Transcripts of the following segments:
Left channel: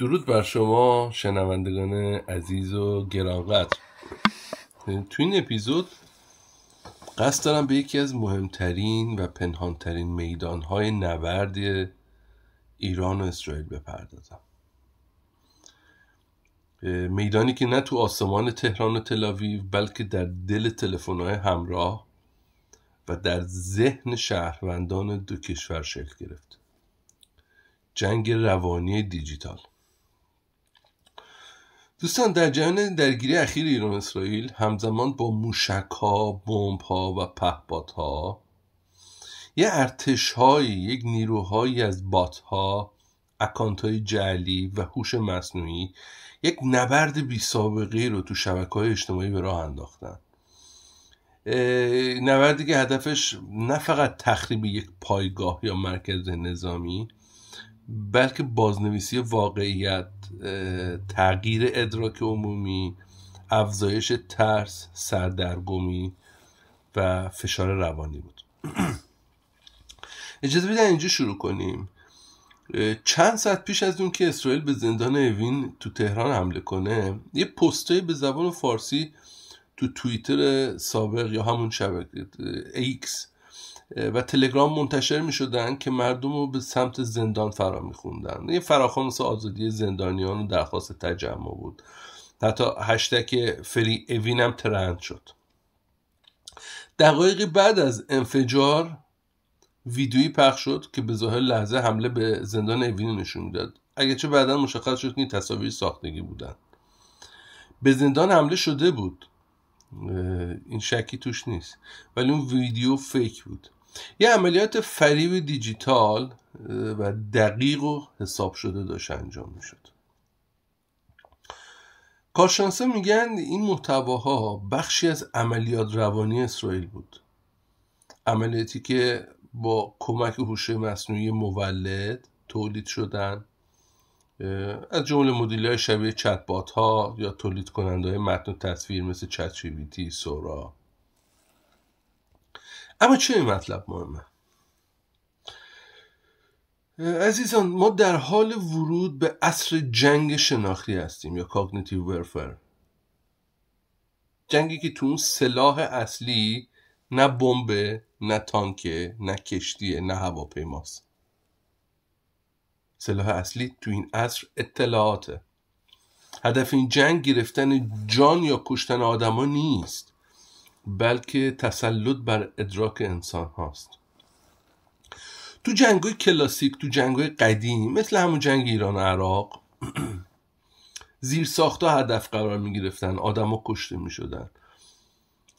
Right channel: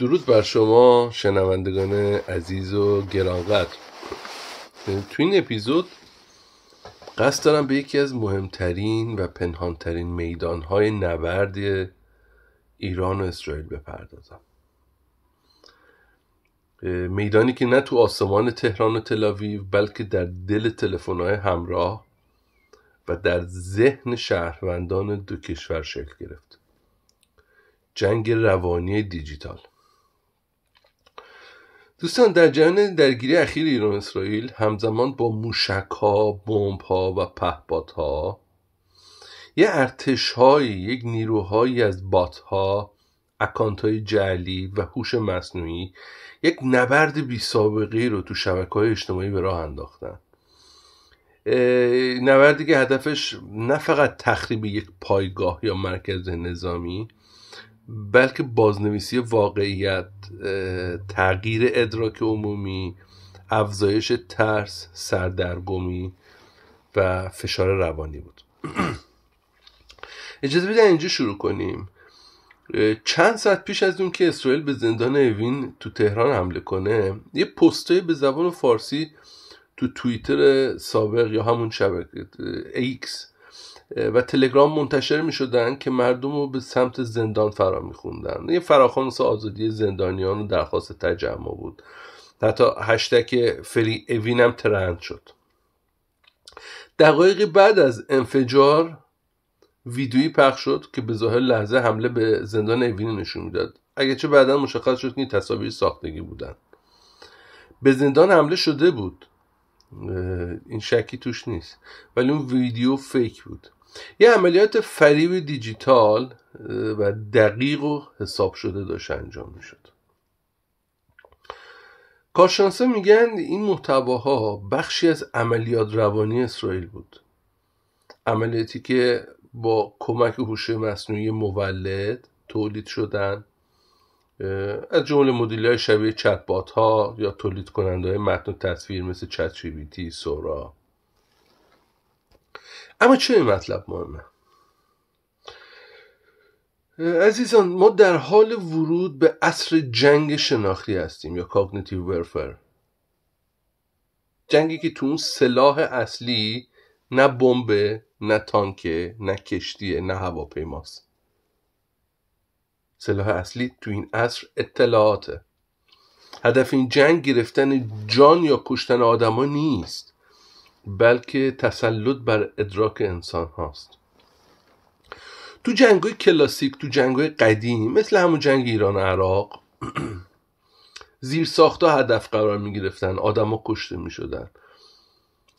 درود بر شما شنوندگان عزیز و گرانقدر. تو این اپیزود قصد دارم به یکی از مهمترین و پنهانترین میدانهای نبرد ایران و اسرائیل بپردازم. میدانی که نه تو آسمان تهران و تل‌آویو بلکه در دل تلفن‌های همراه و در ذهن شهروندان دو کشور شکل گرفت. جنگ روانی دیجیتال. دوستان، در جریان درگیری اخیر ایران و اسرائیل همزمان با موشک‌ها، بمب‌ها و پهپادها یه ارتش‌هایی، یک نیروهایی از بات‌ها، اکانت‌های جعلی و هوش مصنوعی یک نبرد بی‌سابقه‌ای رو تو شبکه‌های اجتماعی به راه انداختن. نبردی که هدفش نه فقط تخریب یک پایگاه یا مرکز نظامی بلکه بازنویسی واقعیت، تغییر ادراک عمومی، افزایش ترس، سردرگمی و فشار روانی بود. اجازه بدین اینجا شروع کنیم. چند ساعت پیش از اون که اسرائیل به زندان اوین تو تهران حمله کنه، یه پستای به زبان فارسی تو توییتر سابق یا همون شبکه ایکس و تلگرام منتشر می شدن که مردم رو به سمت زندان فرا می خوندن. یه فراخوان آزادی زندانیان و درخواست تجمع بود. حتی هشتگ فری اوین هم ترند شد. دقایقی بعد از انفجار ویدیویی پخش شد که به ظاهر لحظه حمله به زندان اوین نشون میداد، اگرچه بعدا مشخص شد که این تصاویر ساختگی بودن. به زندان حمله شده بود، این شکی توش نیست، ولی اون ویدیو فیک بود. یه عملیات فریب دیجیتال و دقیق و حساب شده داشت انجام میشد. کارشناسا میگن این محتواها بخشی از عملیات روانی اسرائیل بود، عملیاتی که با کمک هوش مصنوعی مولد تولید شدن، از جمله مدل‌های شبیه چت بات ها یا تولید کننده‌های متن و تصویر مثل چت جی پی تی، سورا. اما چه این مطلب مهمه؟ عزیزان، ما در حال ورود به عصر جنگ شناختی هستیم یا کاگنیتیو ورفر. جنگی که تو اون سلاح اصلی نه بمب، نه تانکه، نه کشتیه، نه هواپیماست. سلاح اصلی تو این عصر اطلاعاته. هدف این جنگ گرفتن جان یا کشتن آدما نیست، بلکه تسلط بر ادراک انسان هاست. تو جنگ‌های کلاسیک، تو جنگ‌های قدیم مثل همون جنگ ایران و عراق زیرساخت‌ها هدف قرار می‌گرفتن، آدما کشته می‌شدن.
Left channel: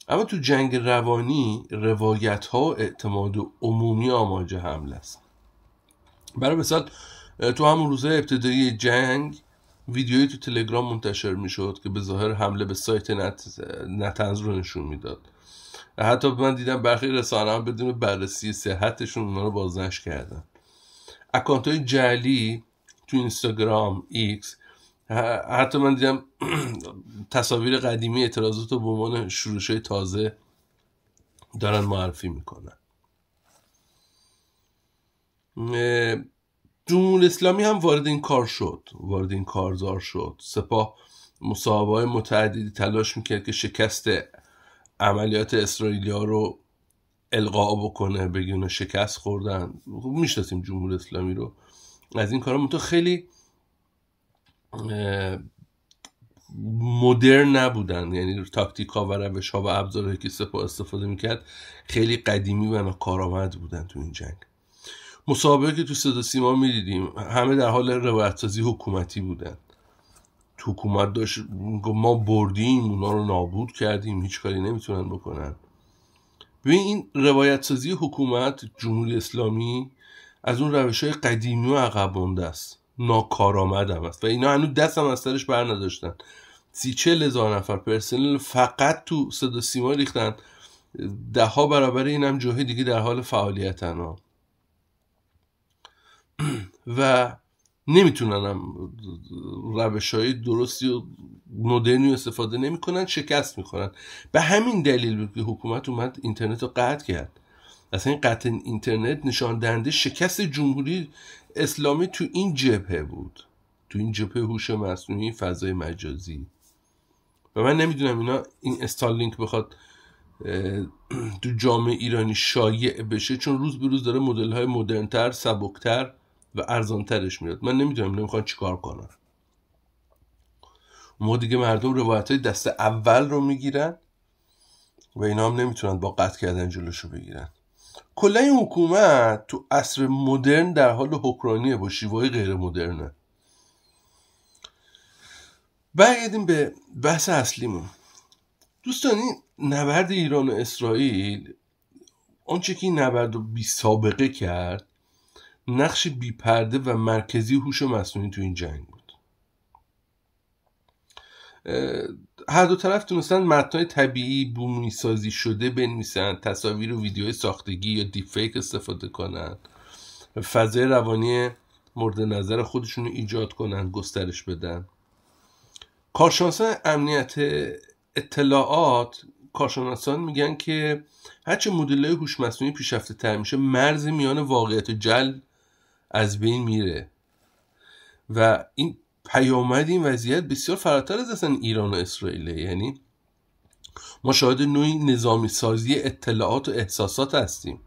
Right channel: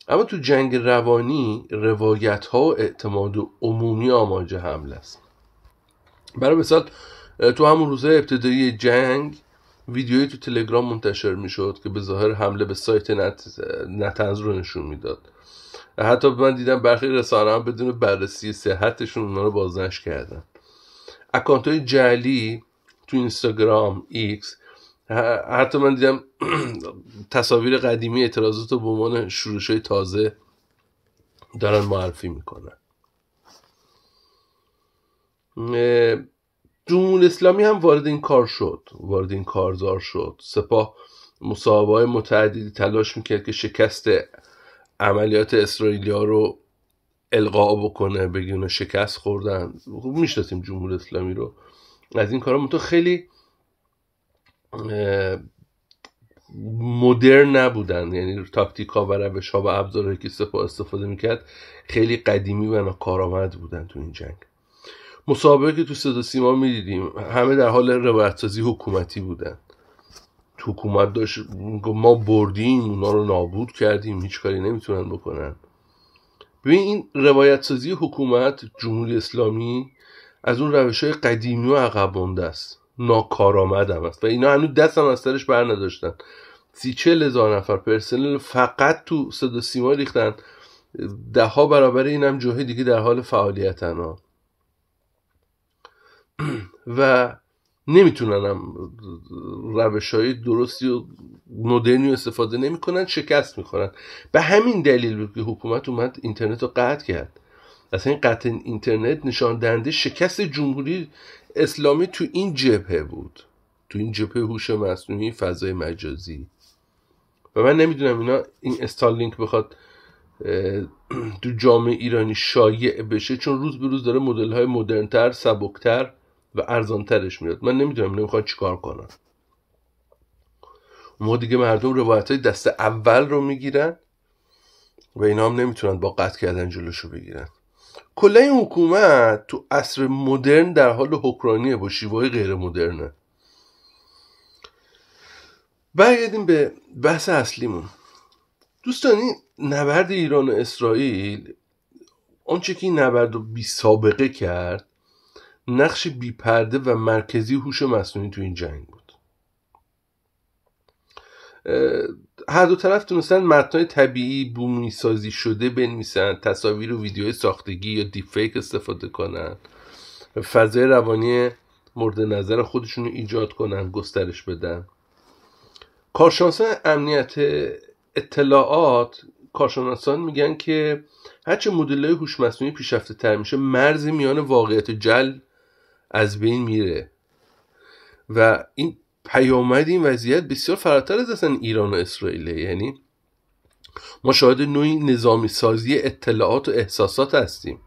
اما تو جنگ روانی روایت‌ها و اعتماد عمومی آماج حمله است. برای مثال تو همون روزهای ابتدایی جنگ ویدیویی تو تلگرام منتشر میشد که به ظاهر حمله به سایت نتنز رو نشون میداد. حتی من دیدم برخی رسانه‌ها بدون بررسی صحتشون اونا رو بازنشر کردن. اکانت‌های جعلی تو اینستاگرام، ایکس، حتی من دیدم تصاویر قدیمی اعتراضات رو به عنوان شروش‌های تازه دارن معرفی میکنن. جمهوری اسلامی هم وارد این کار شد، وارد این کارزار شد. سپاه مصاحبه‌های متعددی تلاش میکرد که شکست عملیات اسرائیلیا رو القا بکنه، بگونه شکست خوردن. میشناسیم جمهوری اسلامی رو از این کارا خیلی مدرن نبودن، یعنی تاکتیک‌ها و روش‌ها و ابزارهایی که سپاه استفاده میکرد خیلی قدیمی و ناکارآمد بودن تو این جنگ. مصاحبه که تو صدا سیما میدیدیم همه در حال روایت‌سازی حکومتی بودن. تو حکومت داشت ما بردیم، اونا رو نابود کردیم، هیچ کاری نمیتونن بکنن. ببین این روایت‌سازی حکومت جمهوری اسلامی از اون روش‌های قدیمی و عقب مونده است، ناکارآمد هم است و اینا هنوز دست هم از سرش بر نداشتن. 30-40 هزار نفر پرسنل فقط تو صدا سیما ریختن، 10 برابر این هم جاهای دیگه در حال فعالیتن ها. و نمیتونن هم روش‌های درستی و مدرنی استفاده نمیکنن، شکست میخورن. به همین دلیل بود که حکومت اومد اینترنت رو قطع کرد. اصلا این قطع اینترنت نشان دهنده شکست جمهوری اسلامی تو این جبهه بود، تو این جبهه هوش مصنوعی، فضای مجازی. و من نمیدونم اینا، این استارلینک بخواد تو جامعه ایرانی شایع بشه، چون روز به روز داره مدل‌های مدرن‌تر، سبک‌تر و ارزان‌ترش میاد. من نمیدونم اینا میخوان چیکار کنن. ما دیگه مردم روایت‌های دست اول رو میگیرن و اینا هم نمیتونن با قطع کردن جلوشو بگیرن. کلا این حکومت تو عصر مدرن در حال حکمرانیه با شیوه‌های غیر مدرنه. برگردیم به بحث اصلیمون. دوستانی، نبرد ایران و اسرائیل، آنچه که این نبرد رو بی سابقه کرد، نقش بی پرده و مرکزی هوش مصنوعی تو این جنگ بود. هر دو طرف تونستن متنای طبیعی بومی سازی شده بنویسن، تصاویر و ویدیوهای ساختگی یا دیپ فیک استفاده کنن، فضای روانی مورد نظر خودشون رو ایجاد کنن، گسترش بدن. کارشناسان امنیت اطلاعات، کارشناسان میگن که هرچه مدل‌های هوش مصنوعی پیشرفته تر میشه، مرزی میان واقعیت و جعل از بین میره و این پیامد این وضعیت بسیار فراتر از اصلا ایران و اسرائیل. یعنی ما شاهد نوعی نظامی سازی اطلاعات و احساسات هستیم.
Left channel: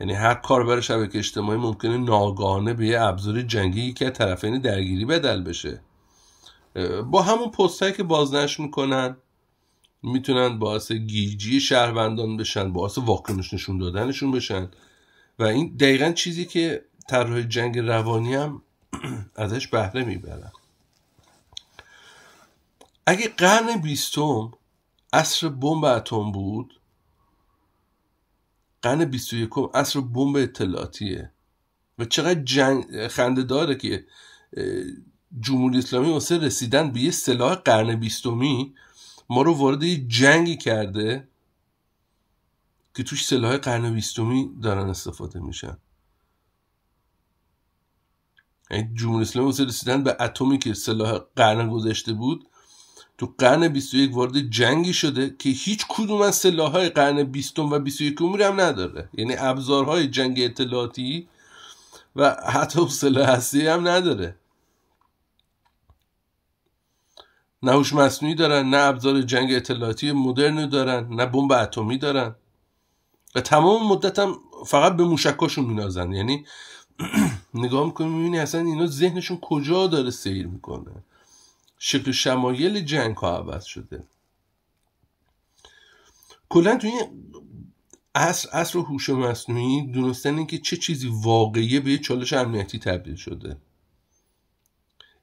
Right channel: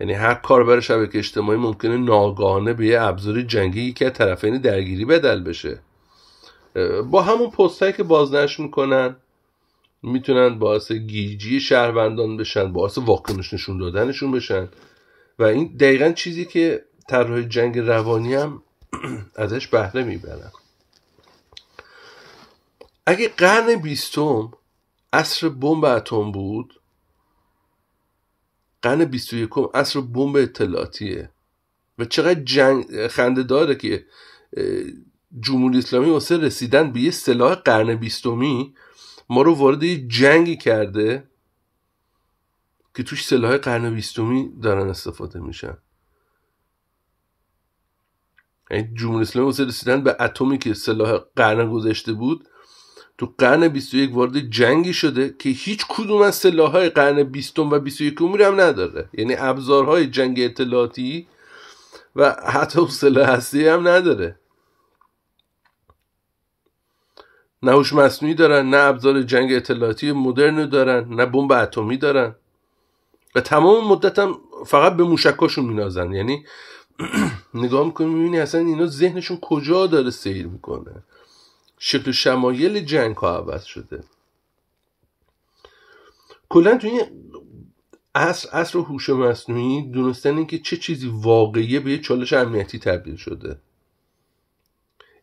یعنی هر کاربر شبکه اجتماعی ممکنه ناگهانه به یه ابزار جنگی که طرفین درگیری بدل بشه. با همون پستایی که بازنشر میکنن میتونن باعث گیجی شهروندان بشن، باعث واکنش نشون دادنشون بشن و این دقیقاً چیزی که طراح جنگ روانی هم ازش بهره میبرن. اگه قرن 20 عصر بمب اتم بود، قرن 21 عصر بمب اطلاعاتیه. و چقدر خنده داره که جمهوری اسلامی واسه رسیدن به یه سلاح قرن 20 ما رو وارد یه جنگی کرده که توش سلاح قرن 20 دارن استفاده میشن. یعنی جمهوری اسلامی واسه رسیدن به اتمی که سلاح قرن گذشته بود، تو قرن 21 وارد جنگی شده که هیچ کدوم از سلاح‌های قرن 20 و 21 هم نداره. یعنی ابزارهای جنگ اطلاعاتی و حتی سلاح هسته‌ای هم نداره. نه هوش مصنوعی دارن، نه ابزار جنگ اطلاعاتی مدرن دارن، نه بمب اتمی دارن و تمام مدت هم فقط به موشکاشون مینازن. یعنی نگاه میکنی میبینی اصلا اینا ذهنشون کجا داره سیر میکنه. شکل شمایل جنگ ها عوض شده. کلا توی عصر هوش مصنوعی دونستن این که چه چیزی واقعیه به یه چالش امنیتی تبدیل شده.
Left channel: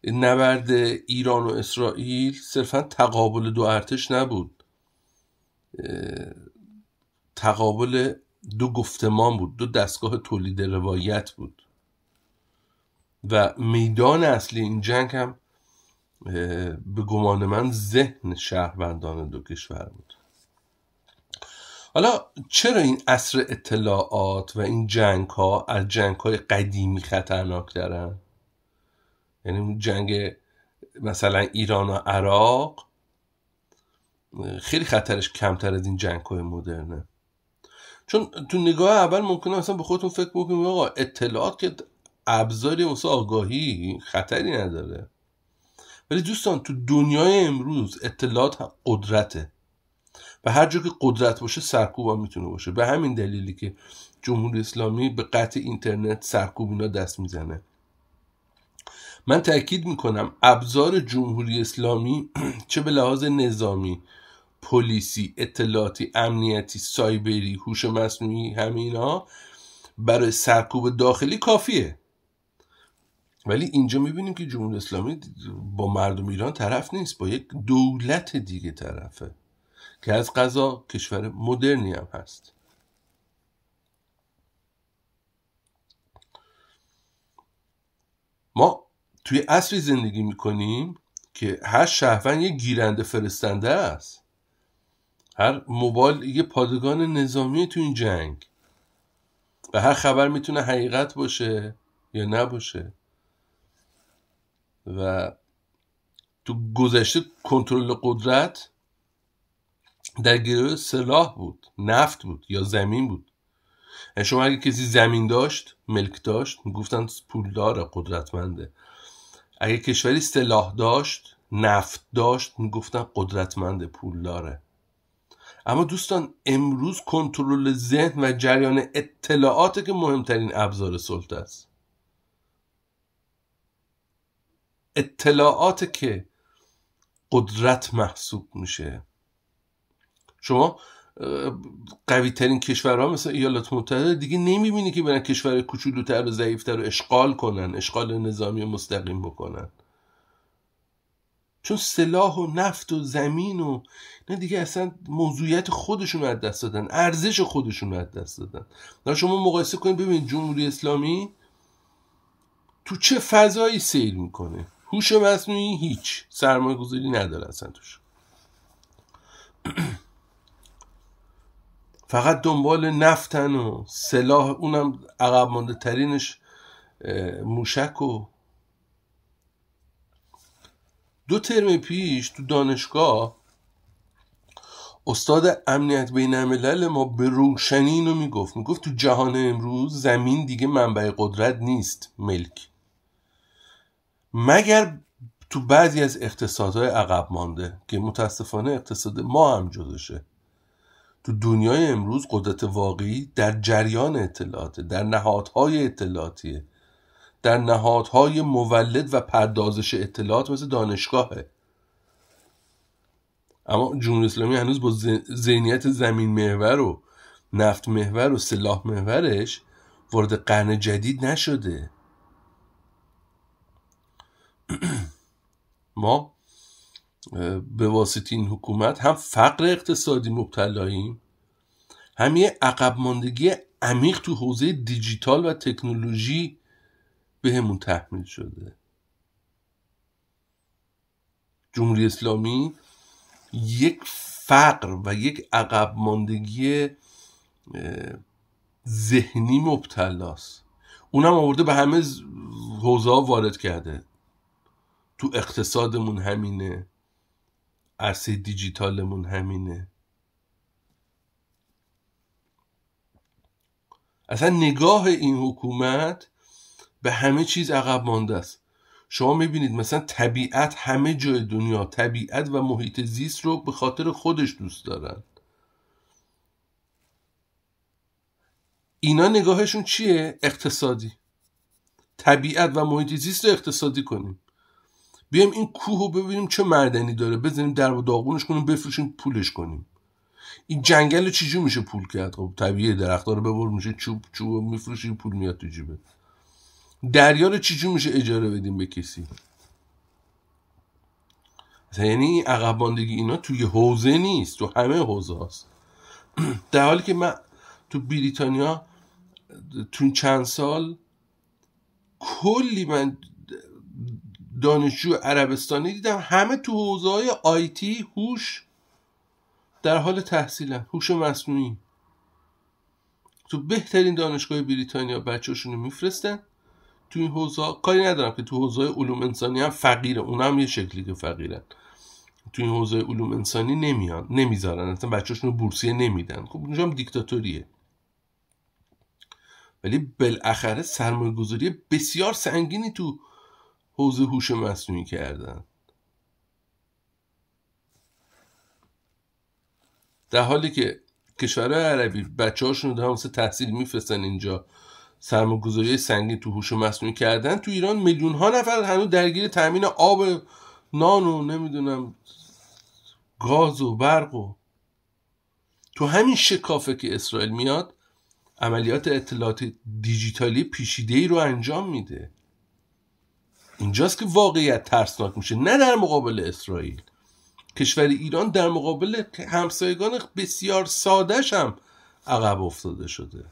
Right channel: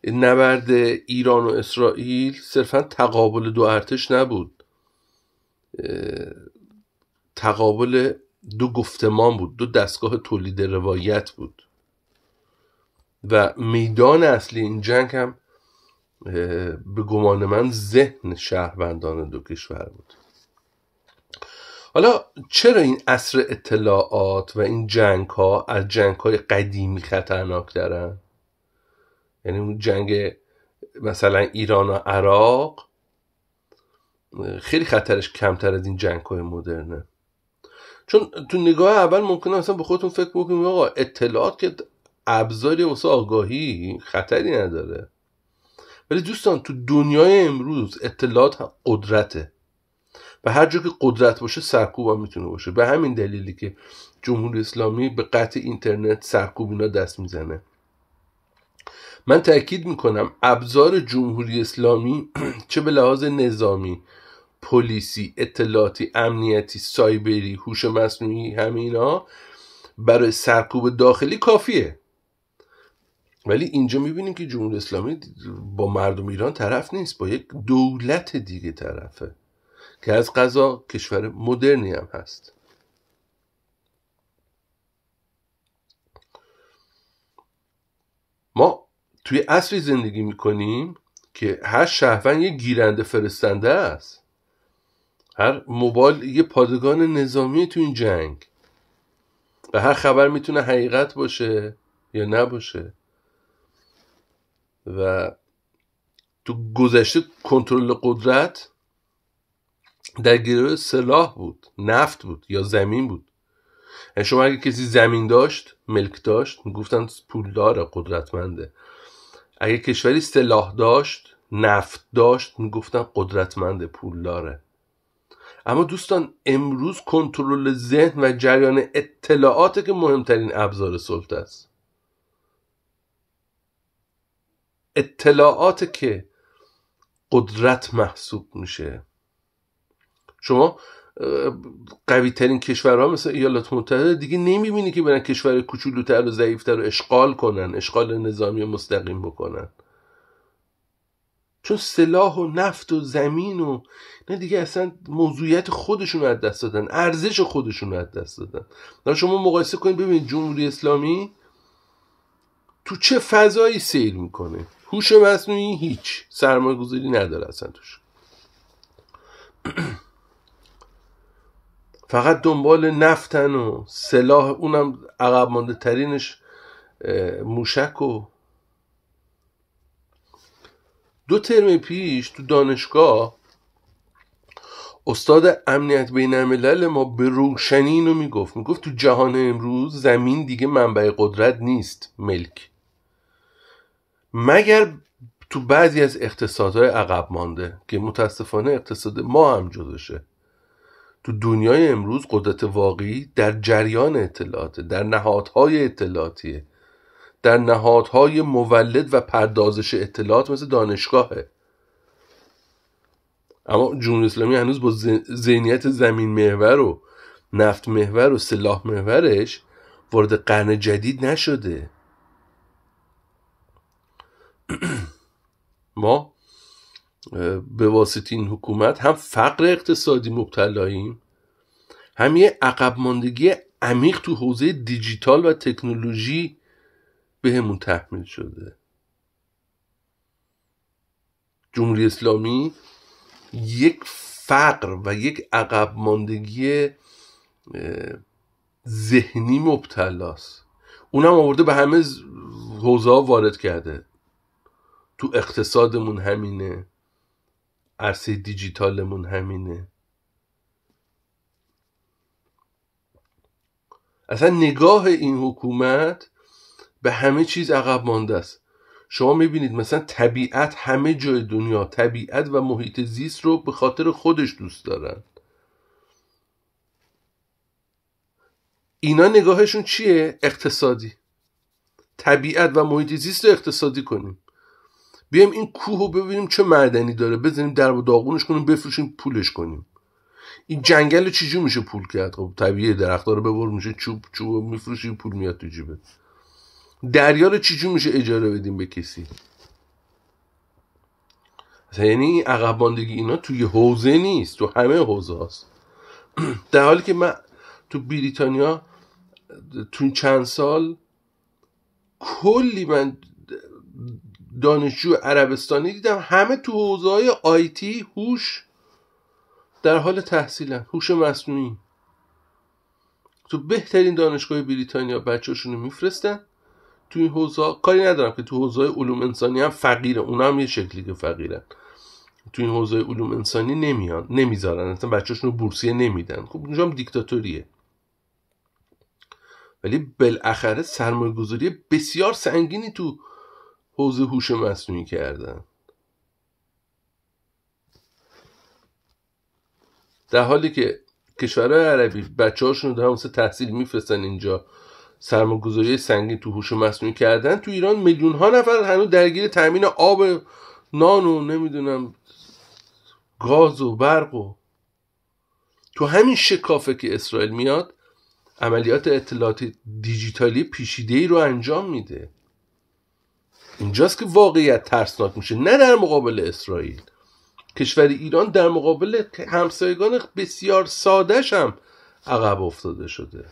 نبرد ایران و اسرائیل صرفا تقابل دو ارتش نبود، تقابل دو گفتمان بود، دو دستگاه تولید روایت بود و میدان اصلی این جنگ هم به گمان من ذهن شهروندان دو کشور بود. حالا چرا این عصر اطلاعات و این جنگ ها از جنگ های قدیمی خطرناک دارن؟ یعنی اون جنگ مثلا ایران و عراق خیلی خطرش کمتر از این جنگ های مدرنه. چون تو نگاه اول ممکنه مثلا به خودتون فکر بکنید آقا اطلاعات که ابزاری واسه آگاهی خطری نداره، ولی دوستان تو دنیای امروز اطلاعات هم قدرته و هر جا که قدرت باشه سرکوب هم میتونه باشه. به همین دلیلی که جمهوری اسلامی به قطع اینترنت، سرکوب اینا دست میزنه. من تأکید میکنم ابزار جمهوری اسلامی چه به لحاظ نظامی، پلیسی، اطلاعاتی، امنیتی، سایبری، هوش مصنوعی، همه اینا برای سرکوب داخلی کافیه. ولی اینجا میبینیم که جمهوری اسلامی با مردم ایران طرف نیست، با یک دولت دیگه طرفه که از قضا کشور مدرنی هم هست. ما توی عصری زندگی میکنیم که هر شهروند یه گیرنده فرستنده است، هر موبایل یه پادگان نظامی تو این جنگ و هر خبر میتونه حقیقت باشه یا نباشه. و تو گذشته کنترل قدرت در گروه سلاح بود، نفت بود یا زمین بود. یعنی شما اگه کسی زمین داشت، ملک داشت، میگفتن پولداره، قدرتمنده. اگه کشوری سلاح داشت، نفت داشت، میگفتن قدرتمند، پول داره. اما دوستان امروز کنترل ذهن و جریان اطلاعاته که مهمترین ابزار سلطه است. اطلاعات که قدرت محسوب میشه. شما قوی ترین کشورها مثل ایالات متحده دیگه نمیبینی که برن کشور کوچولوتر و ضعیفتر رو اشغال کنن، اشغال نظامی مستقیم بکنن، چون سلاح و نفت و زمین و نه دیگه اصلا موضوعیت خودشون رو از دست دادن، ارزش خودشون رو از دست دادن. نه شما مقایسه کنید ببینید جمهوری اسلامی تو چه فضایی سیر میکنه. هوش مصنوعی هیچ، سرمایه گذاری نداره اصلا توش، فقط دنبال نفتن و سلاح، اونم عقب مانده ترینش موشک. و 2 ترم پیش تو دانشگاه استاد امنیت بین الملل ما به روشنی اینو میگفت تو جهان امروز زمین دیگه منبع قدرت نیست ملک، مگر تو بعضی از اقتصادهای عقب مانده که متاسفانه اقتصاد ما هم جزوشه. تو دنیای امروز قدرت واقعی در جریان اطلاعاته، در نهادهای اطلاعاتیه، در نهادهای مولد و پردازش اطلاعات مثل دانشگاهه. اما جمهوری اسلامی هنوز با ذهنیت زمین محور و نفت محور و سلاح محورش وارد قرن جدید نشده. ما به واسطه این حکومت هم فقر اقتصادی مبتلاییم، هم یه عقب ماندگی عمیق تو حوزه دیجیتال و تکنولوژی بهمون تحمیل شده. جمهوری اسلامی یک فقر و یک عقب ماندگی ذهنی مبتلاست، اونم آورده به همه حوزه ها وارد کرده. تو اقتصادمون همینه، عرصه دیجیتالمون همینه. اصلا نگاه این حکومت به همه چیز عقب مانده است. شما میبینید مثلا طبیعت، همه جای دنیا طبیعت و محیط زیست رو به خاطر خودش دوست دارن. اینا نگاهشون چیه؟ اقتصادی. طبیعت و محیط زیست رو اقتصادی کنیم، بیایم این کوه رو ببینیم چه معدنی داره، بزنیم درب و داغونش کنیم، بفروشیم پولش کنیم. این جنگل رو چجور میشه پول کرد؟ خب طبیعی درخت‌ها رو ببر، میشه چوب میفروشیم، پول میاد تو جیبه. دریا رو چجور میشه اجاره بدیم به کسی؟ یعنی عقب ماندگی اینا توی حوزه نیست، تو همه حوزه هست. در حالی که من تو بریتانیا تو این چند سال کلی من دانشجو عربستانی دیدم، همه تو حوزه های آیتی، هوش، در حال تحصیلن، هوش مصنوعی. تو بهترین دانشگاه بریتانیا بچه‌شون رو میفرستن تو این حوزه. کاری ندارم که تو حوزه علوم انسانی هم فقیره، اونا هم یه شکلی که فقیرن. تو این حوزه علوم انسانی نمیان، نمیذارن، اصلا بچه‌شون رو بورسیه نمیدن. خب اونجا هم دیکتاتوریه. ولی بالاخره سرمایه گذاری بسیار سنگینی تو حوزه هوش مصنوعی کردن، در حالی که کشورهای عربی بچه‌هاشون رو واسه تحصیل میفرستن اینجا، سرمایه‌گذاری سنگین تو هوش مصنوعی کردن. تو ایران میلیون ها نفر هنوز درگیر تامین آب، نان و نمیدونم گاز و برق. و تو همین شکافه که اسرائیل میاد عملیات اطلاعات دیجیتالی پیچیده‌ای رو انجام میده. اینجاست که واقعیت ترسناک میشه، نه در مقابل اسرائیل. کشور ایران در مقابل همسایگان بسیار ساده‌ش هم عقب افتاده شده.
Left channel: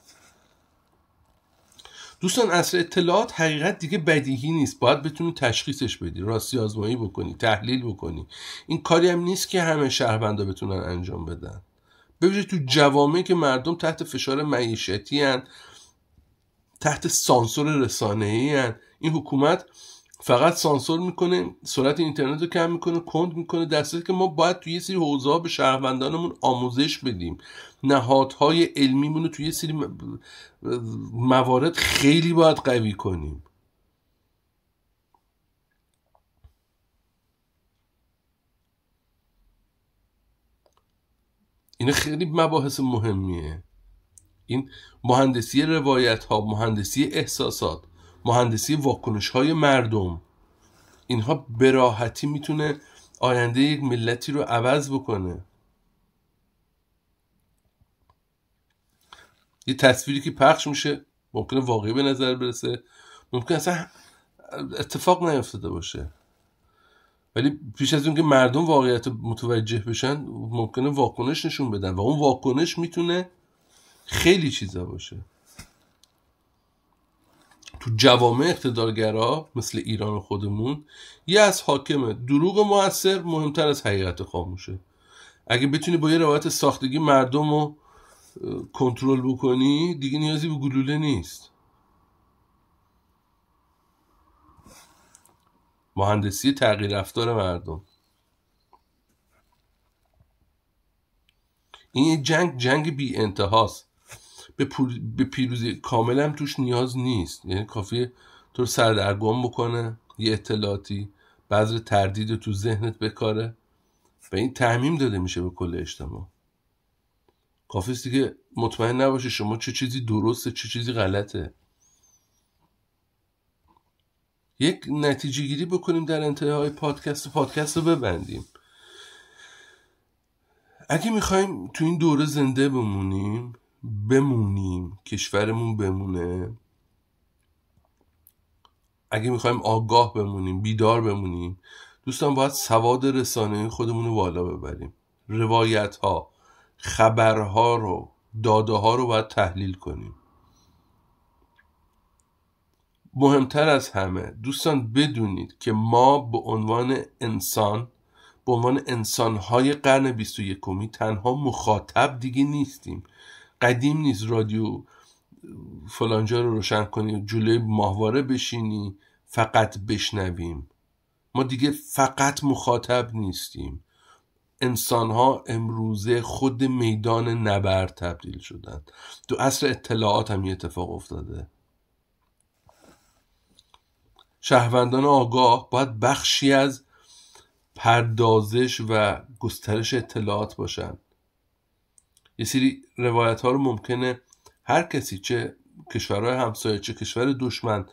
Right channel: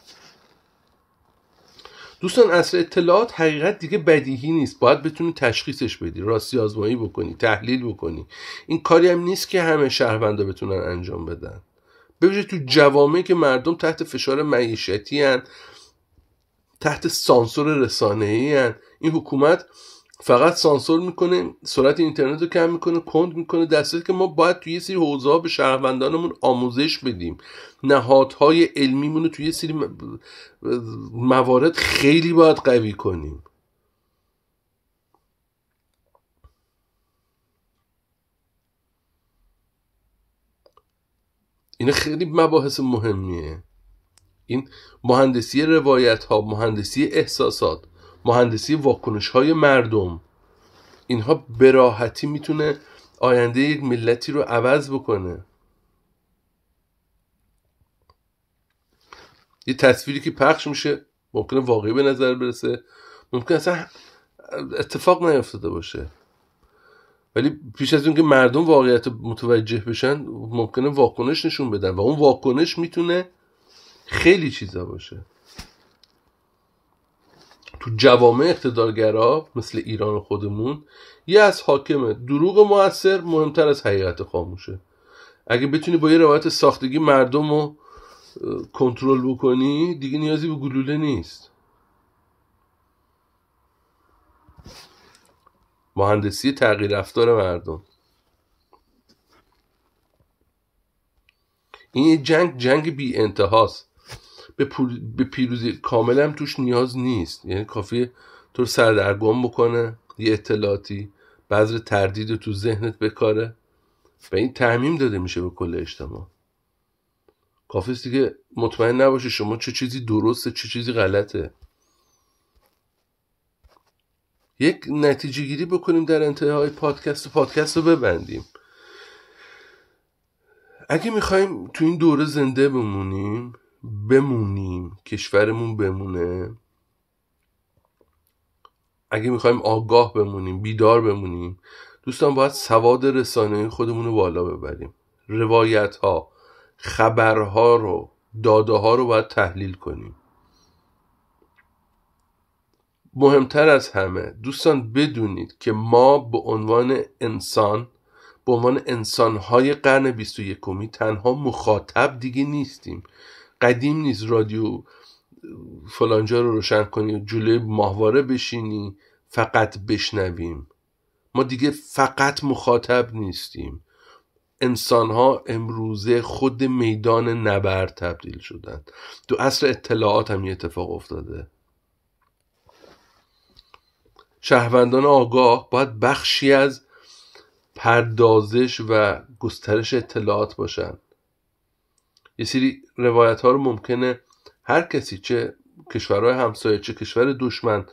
دوستان، عصر اطلاعات حقیقت دیگه بدیهی نیست، باید بتونی تشخیصش بدی، راستی آزمایی بکنی، تحلیل بکنی. این کاری هم نیست که همه شهروندا بتونن انجام بدن، ببینید تو جوامعی که مردم تحت فشار معیشتی هن، تحت سانسور رسانه‌ای هن. این حکومت فقط سانسور میکنه، سرعت اینترنت رو کم میکنه، کند میکنه، در صورتی که ما باید توی یه سری حوزه‌ها به شهروندانمون آموزش بدیم، نهادهای علمیمون رو توی یه سری موارد خیلی باید قوی کنیم. این خیلی مباحث مهمیه. این مهندسی روایت ها، مهندسی احساسات، مهندسی واکنش های مردم، اینها به راحتی میتونه آینده یک ملتی رو عوض بکنه. یه تصویری که پخش میشه ممکنه واقعی به نظر برسه، ممکنه اصلا اتفاق نیفتاده باشه، ولی پیش از اون که مردم واقعیت متوجه بشن ممکنه واکنش نشون بدن و اون واکنش میتونه خیلی چیزا باشه. تو جوامع اقتدارگرا مثل ایران خودمون یه از حاکمه دروغ مؤثر مهمتر از حقیقت خاموشه. اگه بتونی با یه روایت ساختگی مردم رو کنترل بکنی دیگه نیازی به گلوله نیست. مهندسی تغییر رفتار مردم. این جنگ بی انتهاست. به پیروزی کامل هم توش نیاز نیست، یعنی کافیه تو رو سردرگم بکنه یه اطلاعاتی، بذر تردید رو تو ذهنت بکاره و این تعمیم داده میشه به کل اجتماع. کافیست دیگه مطمئن نباشه شما چه چیزی درسته چه چیزی غلطه. یک نتیجه گیری بکنیم در انتهای پادکست رو ببندیم. اگه میخوایم تو این دوره زنده بمونیم، کشورمون بمونه، اگه میخوایم آگاه بمونیم، بیدار بمونیم، دوستان باید سواد رسانه‌ای خودمون رو بالا ببریم. روایت ها، خبرها رو، داده ها رو باید تحلیل کنیم. مهمتر از همه دوستان بدونید که ما به عنوان انسان‌های قرن 21 تنها مخاطب دیگه نیستیم. قدیم نیست رادیو فلانجا رو روشن کنی جلوی ماهواره بشینی فقط بشنویم. ما دیگه فقط مخاطب نیستیم. انسان‌ها امروزه خود میدان نبرد تبدیل شدن. تو عصر اطلاعات هم یه اتفاق افتاده. شهروندان آگاه باید بخشی از پردازش و گسترش اطلاعات باشن. یه سری روایت ها رو ممکنه هر کسی، چه کشورهای همسایه، چه کشور دشمن،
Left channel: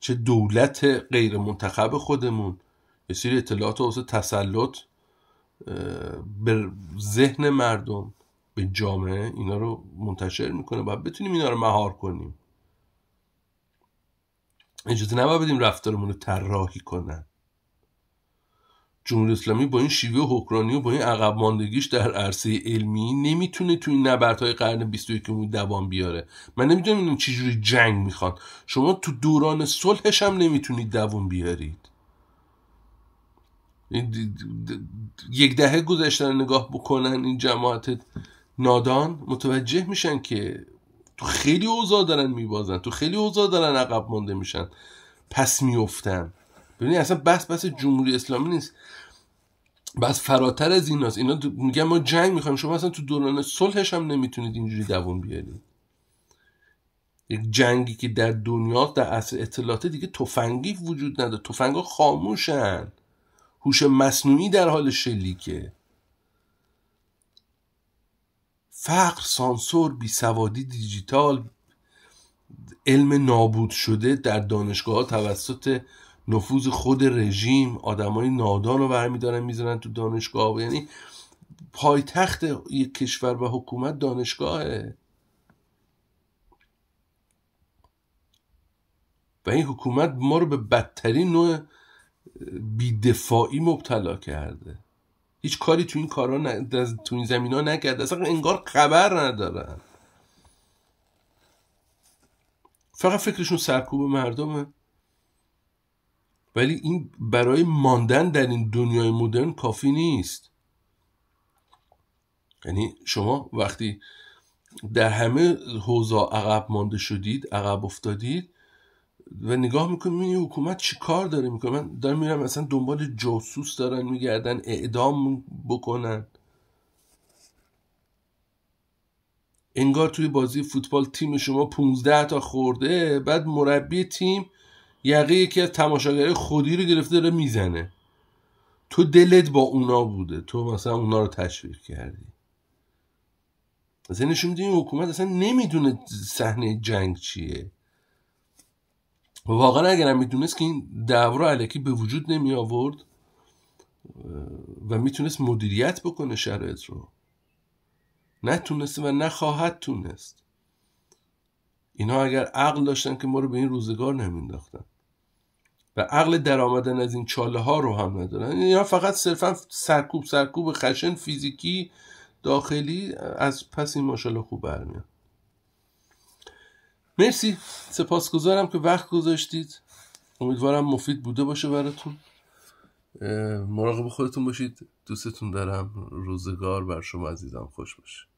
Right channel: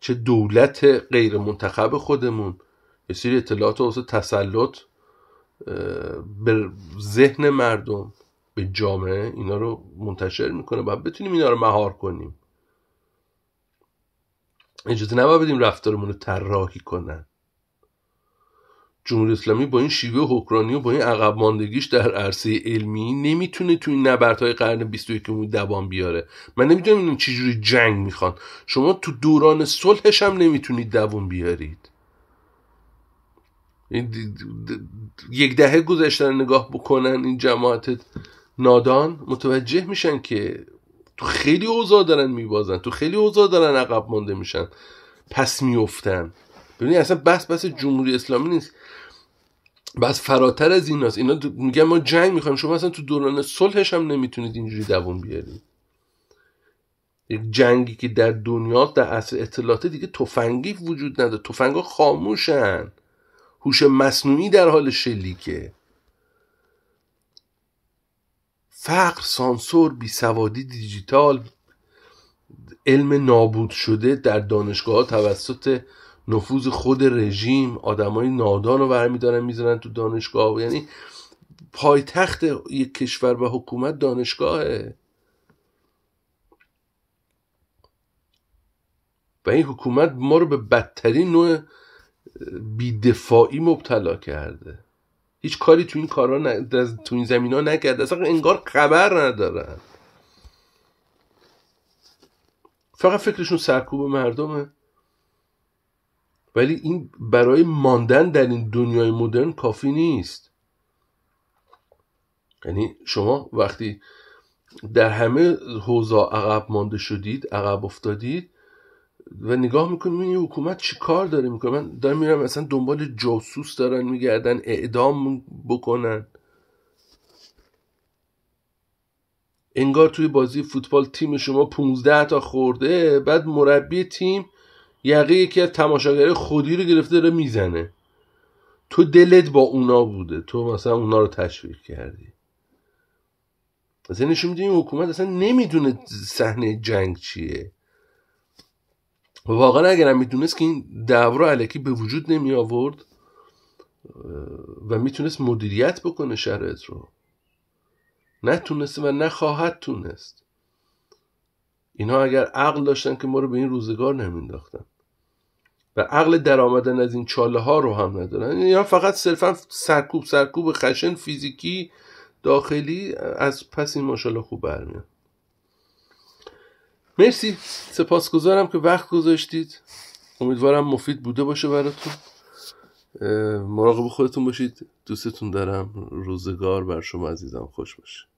چه دولت غیر منتخب خودمون، یه سری اطلاعات واسه تسلط به ذهن مردم، به جامعه اینا رو منتشر میکنه. باید بتونیم اینا رو مهار کنیم. اجازه نباید بدیم رفتارمون رو طراحی کنن. جمهوری اسلامی با این شیوه حکمرانی و با این عقب ماندگیش در عرصه علمی نمیتونه تو این نبردهای قرن 21 دوام بیاره. من نمیدونم این چجوری جنگ میخوان. شما تو دوران صلحش هم نمیتونید دوام بیارید. یک دهه گذشتن نگاه بکنن این جماعت نادان متوجه میشن که تو خیلی اوضاع دارن میبازن، تو خیلی اوضاع دارن عقب مانده میشن، پس میافتن. ببینید اصلا بحث جمهوری اسلامی نیست، بس فراتر از این هست. اینا میگن ما جنگ میخوایم، شما اصلا تو دوران صلحش هم نمیتونید اینجوری دوام بیارید. یک جنگی که در دنیا در عصر اطلاعات دیگه تفنگی وجود نداره، تفنگا خاموشن، هوش مصنوعی در حال شلیکه. فقر، سانسور، بیسوادی دیجیتال، علم نابود شده در دانشگاه ها توسط نفوذ خود رژیم، آدمای نادان رو برمیدارن میذارن تو دانشگاه. یعنی پایتخت یک کشور و حکومت دانشگاهه و این حکومت ما رو به بدترین نوع بی‌دفاعی مبتلا کرده. هیچ کاری تو این کارا تو این زمینا نکرده، اصلا انگار خبر ندارن، فقط فکرشون سرکوب مردمه. ولی این برای ماندن در این دنیای مدرن کافی نیست. یعنی شما وقتی در همه حوزه عقب مانده شدید، عقب افتادید و نگاه میکنید این حکومت چی کار داره میکنه. من دارم میرم مثلا دنبال جاسوس دارن میگردن اعدام بکنن. انگار توی بازی فوتبال تیم شما 15 تا خورده، بعد مربی تیم یقه یکی از تماشاگرای خودی رو گرفته داره میزنه. تو دلت با اونا بوده، تو مثلا اونا رو تشویق کردی. مثلا نشون میده این حکومت اصلا نمیدونه صحنه جنگ چیه. واقعا اگرم میدونست که این دعوا الکی به وجود نمی آورد و میتونست مدیریت بکنه شرایط رو، نتونسته و نخواهد تونست. اینا اگر عقل داشتن که ما رو به این روزگار نمینداختن و عقل در آمدن از این چاله ها رو هم ندارن. اینا فقط صرفا سرکوب خشن فیزیکی داخلی از پس این ماشاءالله خوب برمیاد. مرسی، سپاسگزارم که وقت گذاشتید. امیدوارم مفید بوده باشه براتون. مراقب خودتون باشید. دوستتون دارم. روزگار بر شما عزیزم خوش باشه.